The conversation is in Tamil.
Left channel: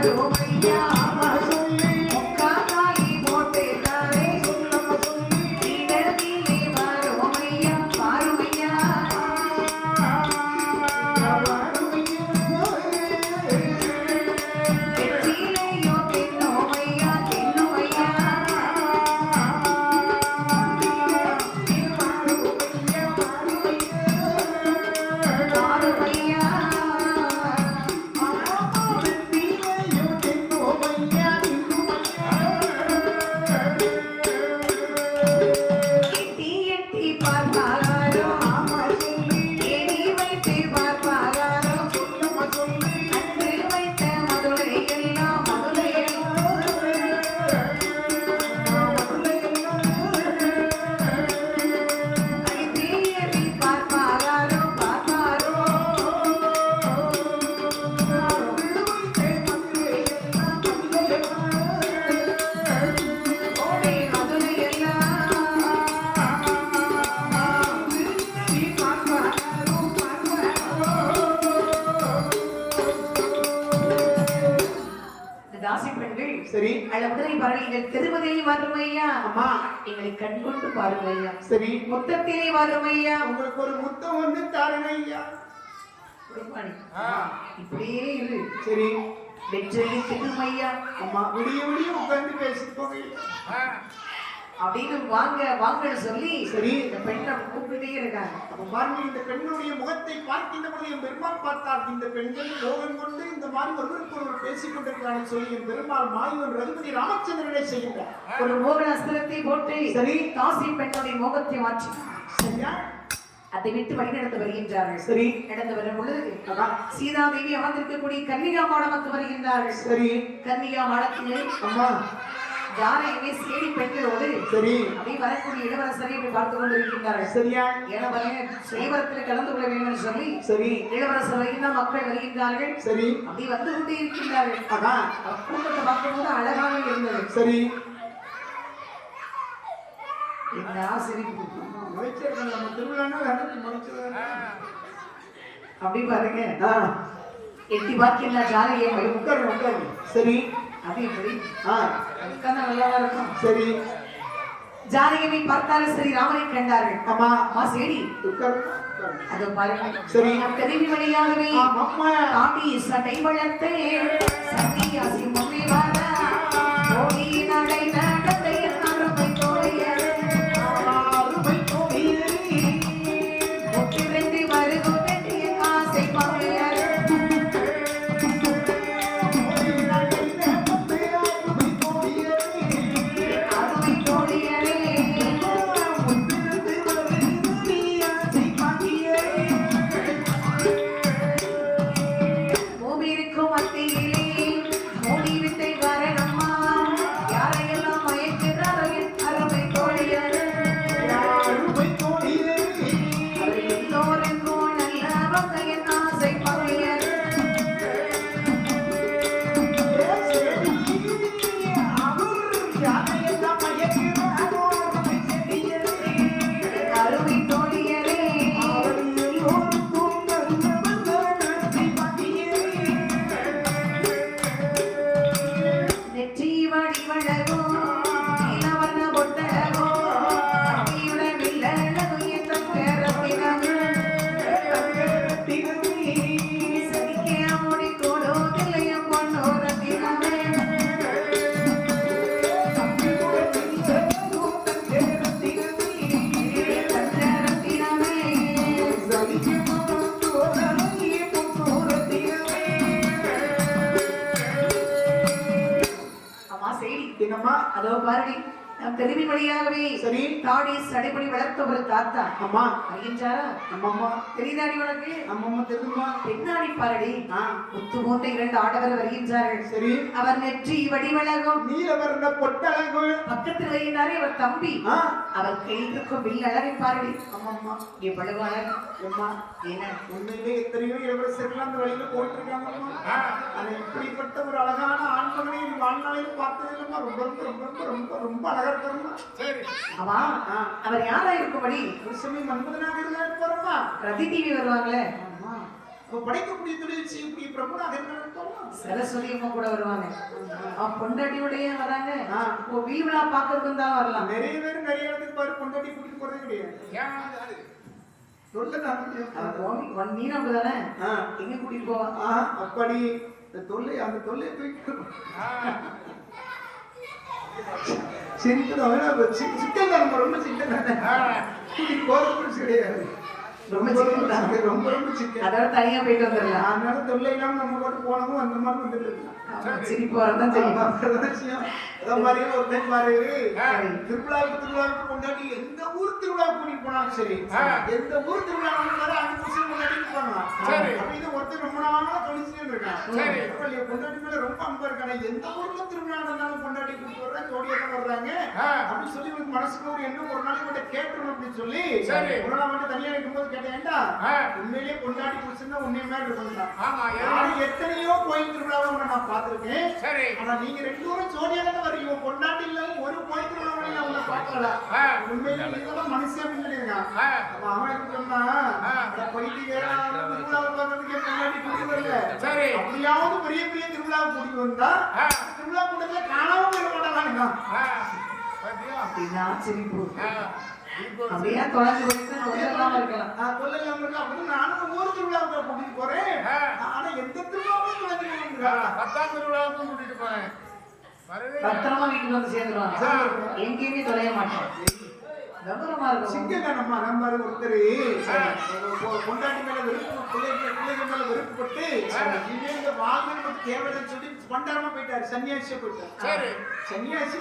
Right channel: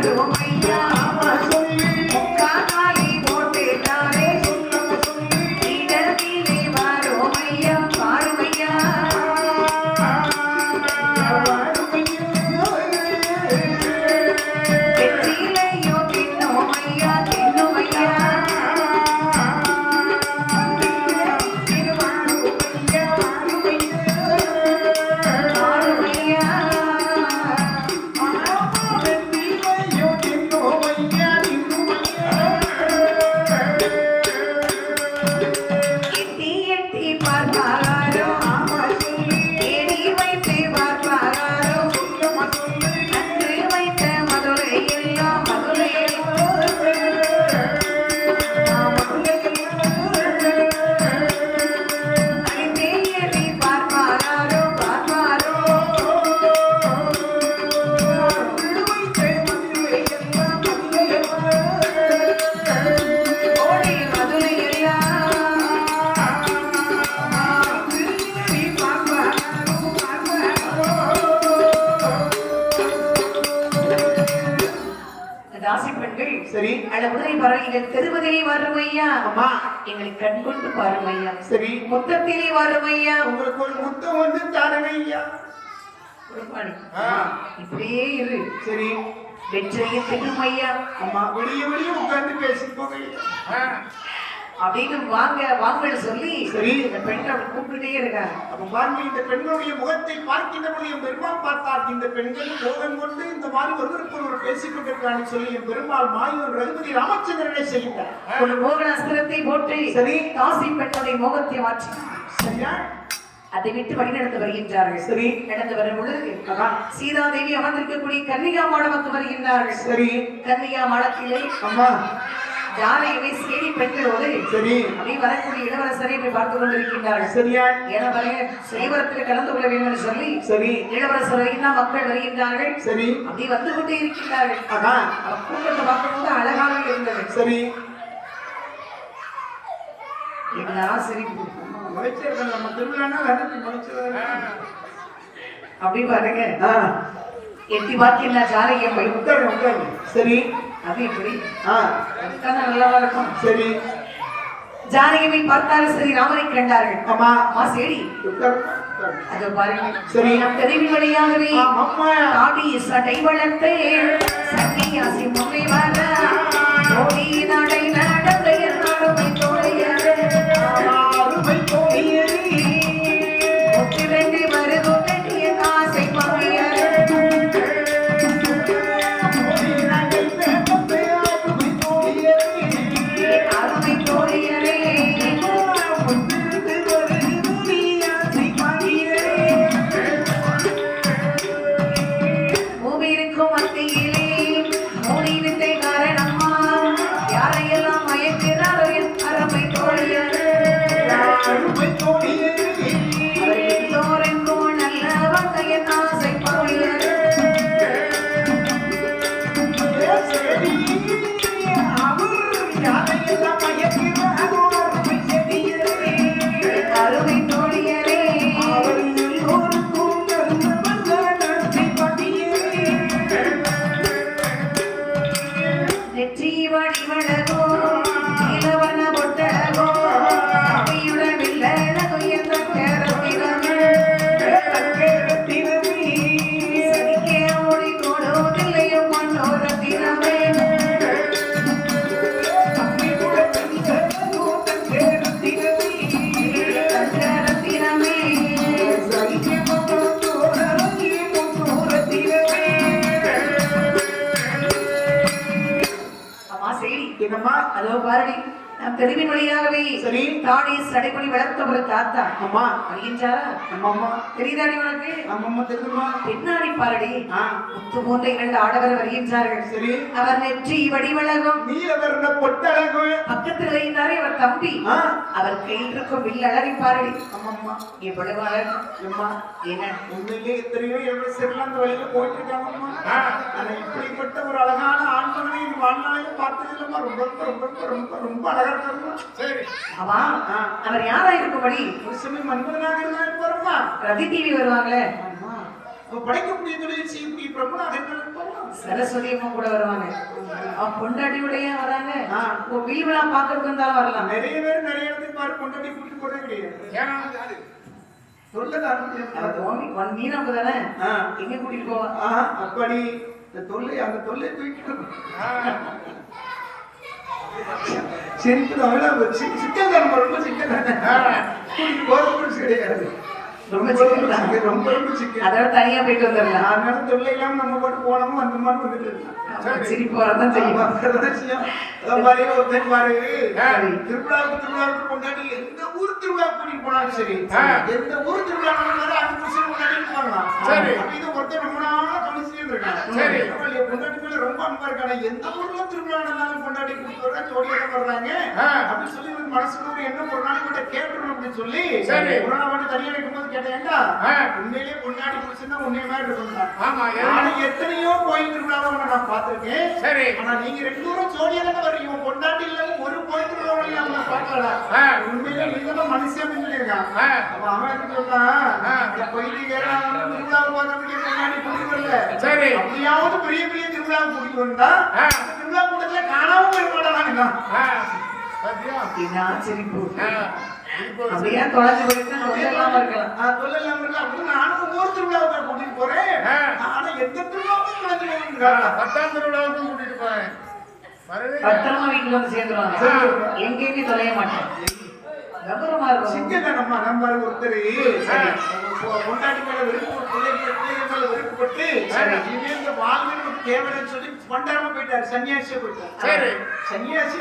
跟我回家 சரி. அல்ல குதிரை பறவைகள் தெருவதே வரும் ஐயா அம்மா எங்களை கண் கொண்டு பாரும் ஐயா சரி. மொத்தத்திலே வரும் ஐயா உங்களுக்கு ஒரு முத்தம் வந்து தாரணை ஐயா. இப்படியே இரு. சரி. வெற்றியை பெறும் ஐயா. அம்மா விடிய விடிய உட்கார்ந்து பேசிக்கோங்க ஐயா. அப்படின்னு வாங்க வாங்கன்னு சொல்லி சரி. இந்த அப்படி கூப்பிட்டுட்டே இருக்காங்க. அப்ப பாருங்க இந்த பெண்ணுடைய முகத்தை பார்க்கின்ற பொழுது என் பெருமாள் பார்த்தார். இந்த பெண்கள் மோகன் கொண்டு இந்த மாதிரி ஒருவருக்கு ஒருவர் பேசிக் கொண்டிருக்கிறான்னு சொல்லி என் பெருமாள் மாயூர் ரகுபதி ராமச்சந்திரனை செய்கிறார். ஒரு மோகன அஸ்திரத்தை போட்டு சரி. தாசி பெண்ணுடைய மோகத்தை மாற்றி. சரியா? அதை விட்டு வழிநடந்து வருகின்றார்கள். சரி. நடந்து வரும் பொழுது. சீதாதேவி அமர்ந்திருக்கக்கூடிய கன்னிகா மாடமத்து வருகின்றார்கள். சரி. கன்னிகா மாடத்திலே அம்மா. ஜானகியை சேடி பெண்களோடு சரி. அப்படி வரக்கூடிய இளவரசரை இப்படி பார்த்து கொண்டிருக்கின்றார்கள். சரியா ஏன்னா பாருங்க செய்வரத்தில் கலந்து கொள்ள வேண்டும் என்று சொல்லி சரி. இளவரசர் வருகின்றார் மக்கள் வருகின்றார்கள். சரி. அப்படி வந்து கொண்டே இருக்கின்றார்கள். அதான் கூட்டத்தை பார்க்கும்போது அழகாக இருந்தது. சரி. என்ன சிரிப்பு முளைச்சிருக்கேன் நம்ம திருவிழானா கண்டிப்பா முளைச்சிருக்கேன் அப்படி பாருங்க. ஆ. எட்டி பார்க்கின்ற உட்காருங்க சரி. அது எப்படி? நல்லாவா இருக்கும். சரி. ஜானகியை பார்த்தாலும் சரி ராமனை கண்டார்கள். அம்மா. அம்மா சரி. அது பாருங்க. சரி. தெரிவி வழியாகவே ஆமாம்மா. காடி சடை வளர்த்தே சன்னியாசி முனை வர அதோ பாரடி நம் தெருவின் வழியாகவே சரி. தாடி சடைமுடி வளர்த்த ஒரு தாத்தா. அம்மா. வருகின்றாரா அம்மம்மா. தெரியுதாடி உனக்கு? அம்மம்மா தெரியுமா பின்னாடி பாரடி. முத்து போன்ற இரண்டு ஆடவர் வருகின்றார்கள் சரி. அவர் நெற்றி வடிவழகும் நீலவர்ண பொட்டழகு. பக்கத்தில் வருகின்றாரே அவர் தம்பி. அவர் கையில் இருக்கும் வில் அழகை பாரடி. அம்மம்மா. எவ்வளவு அழகு. அம்மா. என்ன உண்மையிலே எத்தனையோ எவ்வளவு சிறந்த வழியில போயிட்டு இருக்காங்கம்மா ஆனா இப்படிப்பட்ட ஒரு அழகான ஆண்மகனை வாழ்நாளையும் பார்த்ததில்லம்மா ரொம்ப ரொம்ப ரொம்ப ரொம்ப ரொம்ப ரொம்ப இருக்காருமா சரி அவா அவர் யாரா இருக்கும்படி? ஒரு சமயம் மன்மதனாக இருந்தாலும் போறோமா ரதி டிவி வருவாங்களே. படைக்கக்கூடிய தொழில் செய்யக்கூடிய பிரபுனாக இருந்தாலும் சரஸ்வதி அம்மா கூட வருவாங்க. அவ பொண்டாட்டியோடய வராங்க. உன் வில் விழா பார்க்கறதுக்கு வந்தாலும் வரலாம்? நிறைய பேர் நிறைய இடத்துக்கு பாரு கொண்டாடி கூட்டிட்டு போறது கிடையாது. ஒன் மீன் தானே? எங்க கூட்டிட்டு போவா அப்படி. இந்த தொல்லை அந்த தொல்லை தூக்கி சிரிப்பு தமிழா போச்சு சிக்கன் தான். ரொம்ப சிக்கன் கூட்டிட்டு போறது கிடையாது. ரொம்ப ரொம்ப ரொம்ப சிக்கன் அதோட தனியா போயிட்டு வந்துடலாம். அதனால தொல்லை இல்லாம நம்ம பாட்டு போனோமோ அந்த மாதிரி வந்துட்டு இருக்கோம் ஆமா, சிரிப்பு வரதான் செய்யும். அதான் பாரு, ஒருத்தன் பாரு, சரி. திருவிழாவுக்கு திருவிழாவுக்கு கொண்டாடி எந்த ஊர் திருவிழாவுக்கு கூட்டிட்டு போனாலும் சரி. எந்த ஊர் சரி, அஞ்சு வருஷம். சரி. அப்ப இது கவனிச்சுட்டே இருக்கான். சரி. பொண்டாட்டி மேல ரொம்ப அன்பா இருக்கானே, எந்த ஊர்ல திருவிழா நடந்தாலும் கொண்டாடி கூட்டிட்டு வர்றாங்க, ஜோடியா தான் வர்றாங்க. அப்படின்னு சொல்லி எனக்கு மனசுக்குள்ள ஒரு எண்ணம் ஒரு நாளைக்கு கூட கேட்டுறணும் அப்படின்னு சொல்லி சரி. ஒரு நாள் மட்டும் தனியா இருக்கும்போது கேட்டேன் ஏன்டா ஆ. உண்மையிலேயே கொண்டாடி புடிச்சுன்னா உன்னைய மாதிரி. ஆமா நானும் எத்தனையோ கோயில் திருவிழாவை நான் பார்த்திருக்கேன் சரி ஆனா நீங்க ரெண்டு பேரும் ஜோடியா தானே வர்றீங்க பொண்டாட்டி இல்லாம ஒரு கோயில் திருவிழாவிலையும் அவங்கள பார்க்கலாம் ஆ. உண்மையிலே நீதான் மனுஷன் அப்படின்னு சொல்லியிருக்கான் அவன் என்ன சொல்றான் பைத்தியக்காரன் பார்க்கறதுக்கு என் பொண்டாட்டி கூட்டிட்டு வரல சரி. அப்படியாவது பெரிய பெரிய திருவிழாவை கூட்டிட்டு வந்தா ஆ. தான் ஆ, பாத்தியா? அப்படின்னா சிரிப்பு ஆ, இப்போ அப்படியே தொலைஞ்சு போயிட்டு சொல்லலாம் இருக்கலாம். சொல்லலாம் இல்ல, அப்படின்னு நானும் ஊர் திருவிழாவுக்கு கூட்டிட்டு போறேன். ஆனா எந்த குழந்தை ஆ, வேணுங்கிறாங்க. பத்தாம் திருவிழாவுக்கும் கூட்டிட்டு போறேன். வரவே பத்திரமா வீட்டுல வந்து சேர்ந்துருவாங்க. எங்கேயுமே தொலைய மாட்டேன். சிங்கங்க நம்ம நம்பர் ஒருத்தர் கொண்டாடி மேல வெறுப்பு பிள்ளைங்க பிள்ளைங்க மேல வாழ்வில் நமக்கு தேவைன்னு சொல்லி கொண்டாடாம போயிட்டாரு. சன்னியாசியா போயிட்டாரு. சன்னியாசி